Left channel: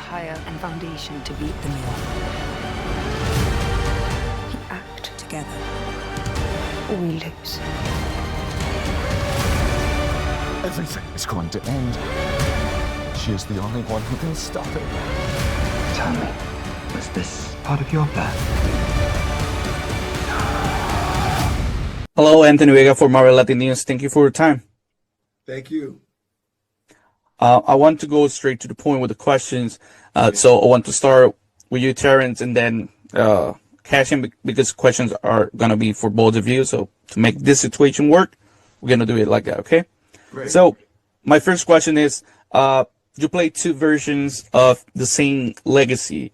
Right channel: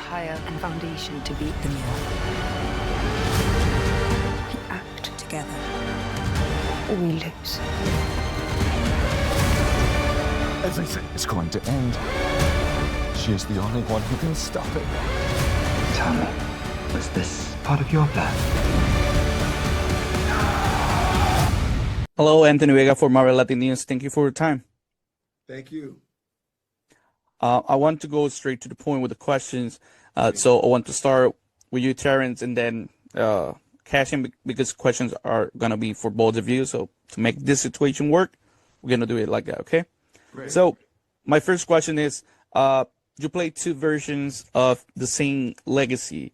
higher and foundation to beat them all. We act together, or we lose. Everything is going to end. She is the only one who can stop it. Tell me, was this part of your plan? Hello, Anthony Vega for Marvel Latin News. Thank you for your time. Thank you. I want to go straight to the point with the questions. So I want to start with you, Terrence, and then cash in because questions are going to be for both of you. So to make this situation work, we're going to do it like that, okay? Great. So my first question is, you play two versions of the same legacy.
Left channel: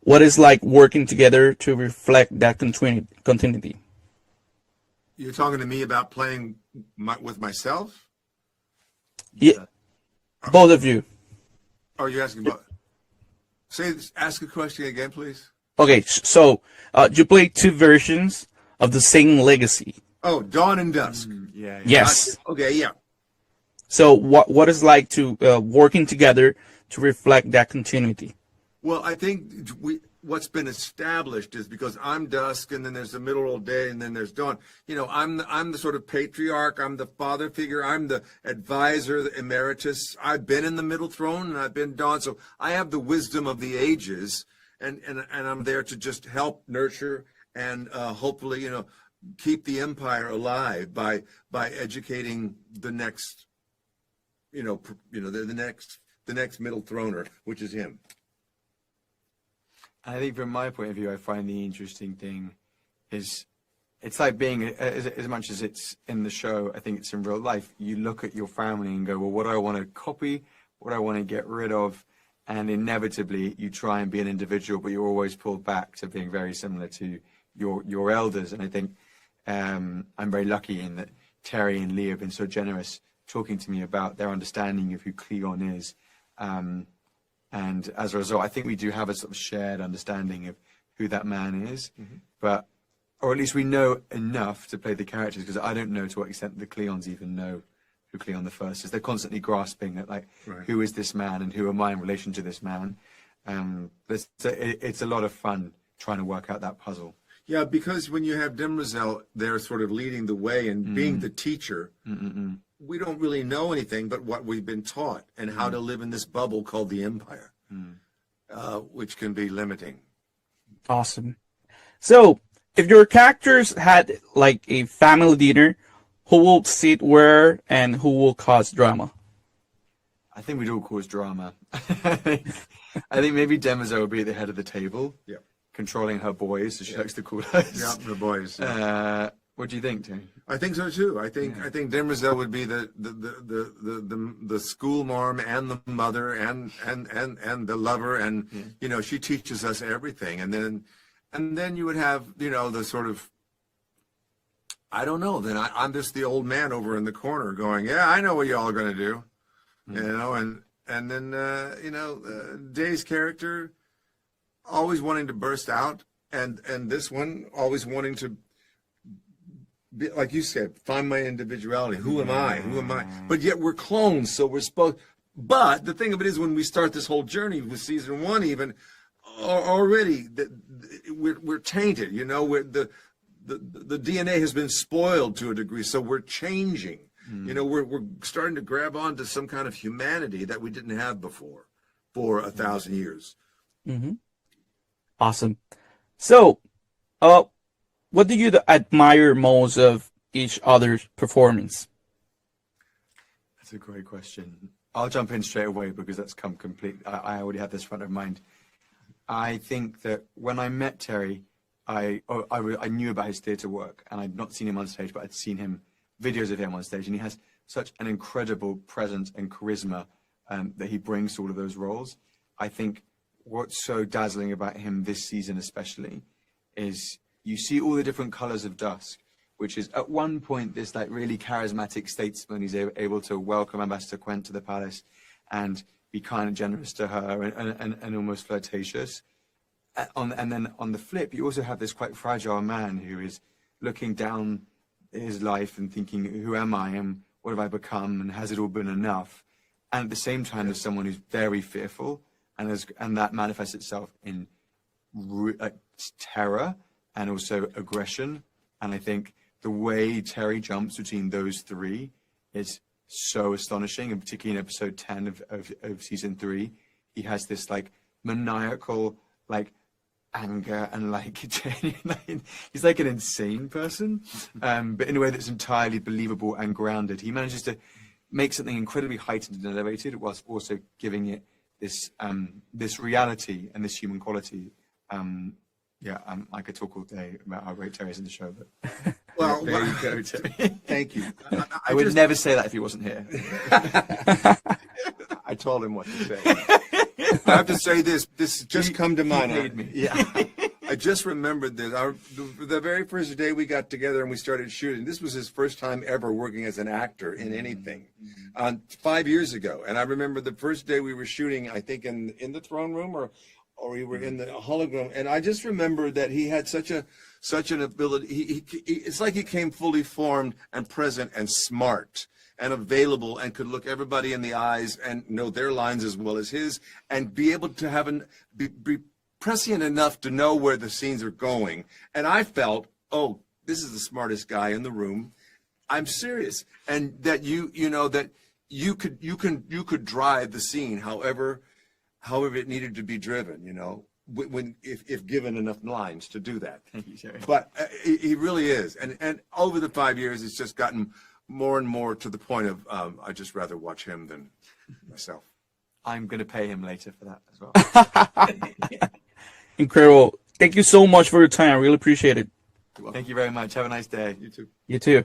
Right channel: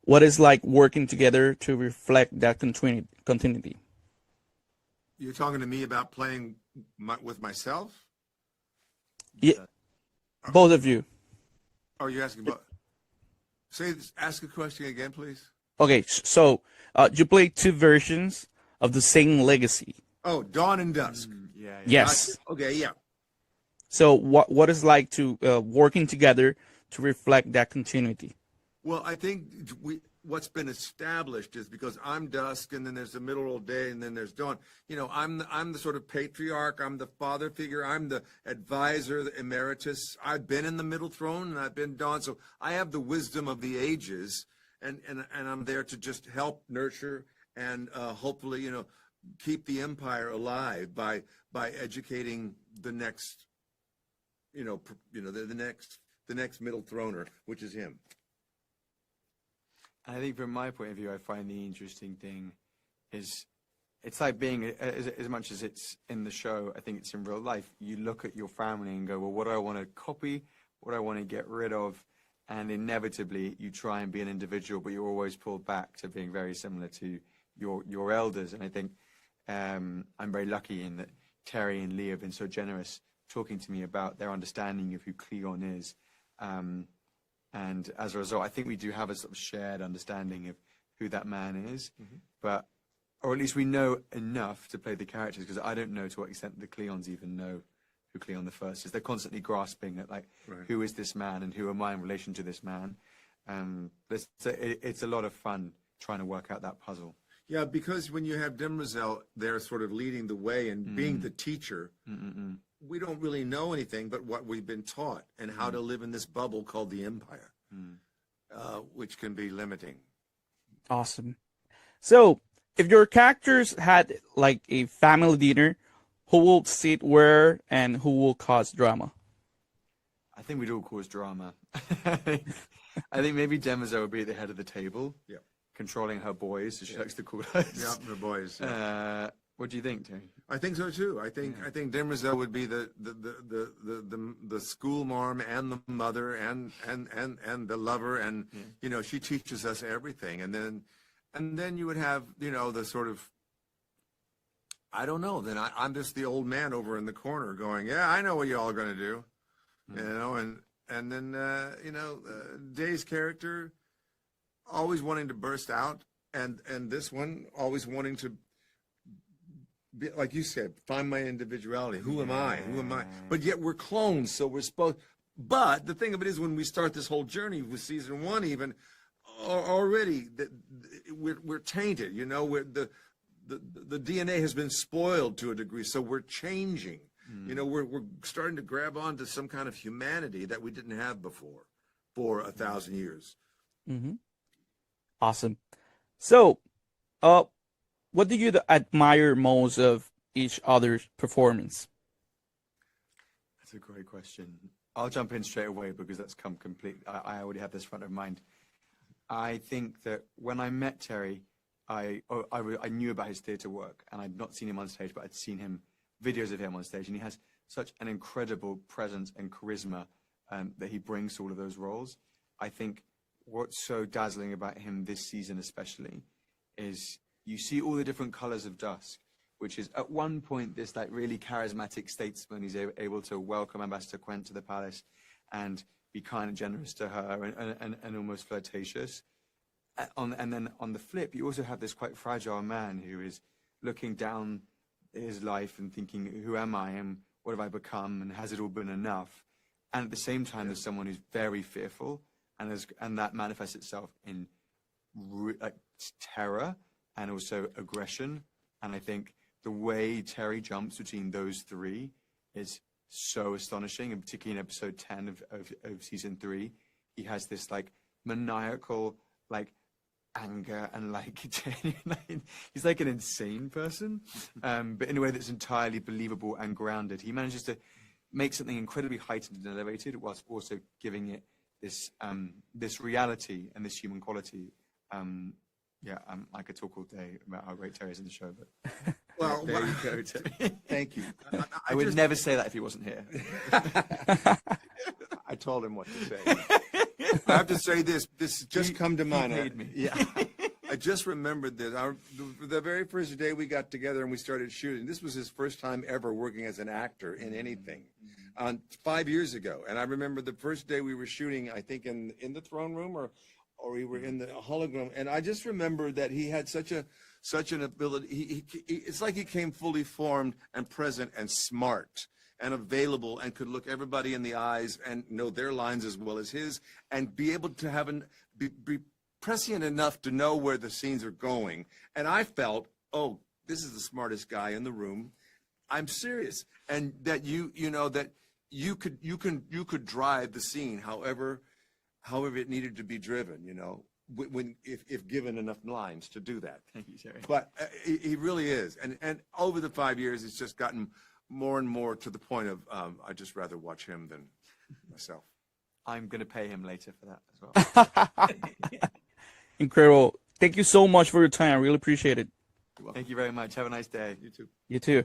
What is like working together to reflect that continuity? You're talking to me about playing with myself? Yeah, both of you. Or are you asking about? Ask a question again, please. Okay, so you play two versions of the same legacy. Oh, Dawn and Dusk. Yeah. Yes. Okay, yeah. So what is like to working together to reflect that continuity? Well, I think what's been established is because I'm Dusk, and then there's the middle of the day, and then there's Dawn. You know, I'm the sort of patriarch. I'm the father figure. I'm the advisor, the emeritus. I've been in the middle throne, and I've been Dawn. So I have the wisdom of the ages, and I'm there to just help nurture and hopefully, you know, keep the empire alive by educating the next, the next middle throner, which is him. I think from my point of view, I find the interesting thing is it's like being, as much as it's in the show, I think it's in real life. You look at your family and go, well, what do I want to copy? What do I want to get rid of? And inevitably, you try and be an individual, but you're always pulled back to being very similar to your elders. And I think I'm very lucky in that Terry and Lee have been so generous talking to me about their understanding of who Cleon is. And as a result, I think we do have a sort of shared understanding of who that man is, but, or at least we know enough to play the characters, because I don't know to what extent the Cleons even know who Cleon the First is. They're constantly grasping at, like, right, who is this man and who am I in relation to this man? It's a lot of fun trying to work out that puzzle. Yeah, because when you have Demerzel there sort of leading the way and being the teacher, we don't really know anything but what we've been taught and how to live in this bubble called the Empire, which can be limiting. Awesome. So if your characters had like a family dinner, who will sit where and who will cause drama? I think we'd all cause drama. I think maybe Demerzel would be at the head of the table. Yeah. Controlling her boys, so she likes to call us. Yeah, the boys. What do you think, Tony? I think so too. I think Demerzel would be the school marm and the mother and the lover, and you know, she teaches us everything. And then you would have, you know, the sort of, I don't know. Then I'm just the old man over in the corner going, yeah, I know what y'all are going to do, you know. And then you know, Day's character always wanting to burst out, and this one always wanting to be, like you said, find my individuality. Who am I? Who am I? But yet we're clones, so we're supposed. But the thing of it is, when we start this whole journey with season one, even already we're tainted. You know, the DNA has been spoiled to a degree, so we're changing. You know, we're starting to grab onto some kind of humanity that we didn't have before for 1,000 years. Awesome. So, what do you admire most of each other's performance? That's a great question. I'll jump in straight away because that's come complete. I already had this front of mind. I think that when I met Terry, I knew about his theatre work, and I'd not seen him on stage, but I'd seen videos of him on stage, and he has such an incredible presence and charisma that he brings to all of those roles. I think what's so dazzling about him this season especially is you see all the different colors of Dusk, which is at one point this like really charismatic statesman. He's able to welcome Ambassador Quent to the palace and be kind and generous to her and almost flirtatious. And then on the flip, you also have this quite fragile man who is looking down his life and thinking, who am I and what have I become and has it all been enough? And at the same time, there's someone who's very fearful and that manifests itself in like terror and also aggression. And I think the way Terry jumps between those three is so astonishing, and particularly in episode 10 of season 3, he has this like maniacal like anger and like genuine, he's like an insane person, but in a way that's entirely believable and grounded. He manages to make something incredibly heightened and elevated whilst also giving it this this reality and this human quality. I could talk all day about how great Terry is in the show, but Well, there you go, Terry. thank you. I would never say that if he wasn't here. I told him what to say. I have to say this just come to mind. made me. Yeah. I just remembered this. The very first day we got together and we started shooting, this was his first time ever working as an actor in anything, 5 years ago. And I remember the first day we were shooting, I think in the throne room or we were in the hologram. And I just remember that he had such an ability. He it's like he came fully formed and present and smart and available and could look everybody in the eyes and know their lines as well as his, and be able to be prescient enough to know where the scenes are going. And I felt, oh, this is the smartest guy in the room. I'm serious. And that you could drive the scene however it needed to be driven, if given enough lines to do that. Thank you, Terry. But he really is. And over the 5 years, it's just gotten more and more to the point of I'd just rather watch him than myself. I'm going to pay him later for that as well. Incredible. Thank you so much for your time. I really appreciate it. Thank you very much. Have a nice day. You too. You too.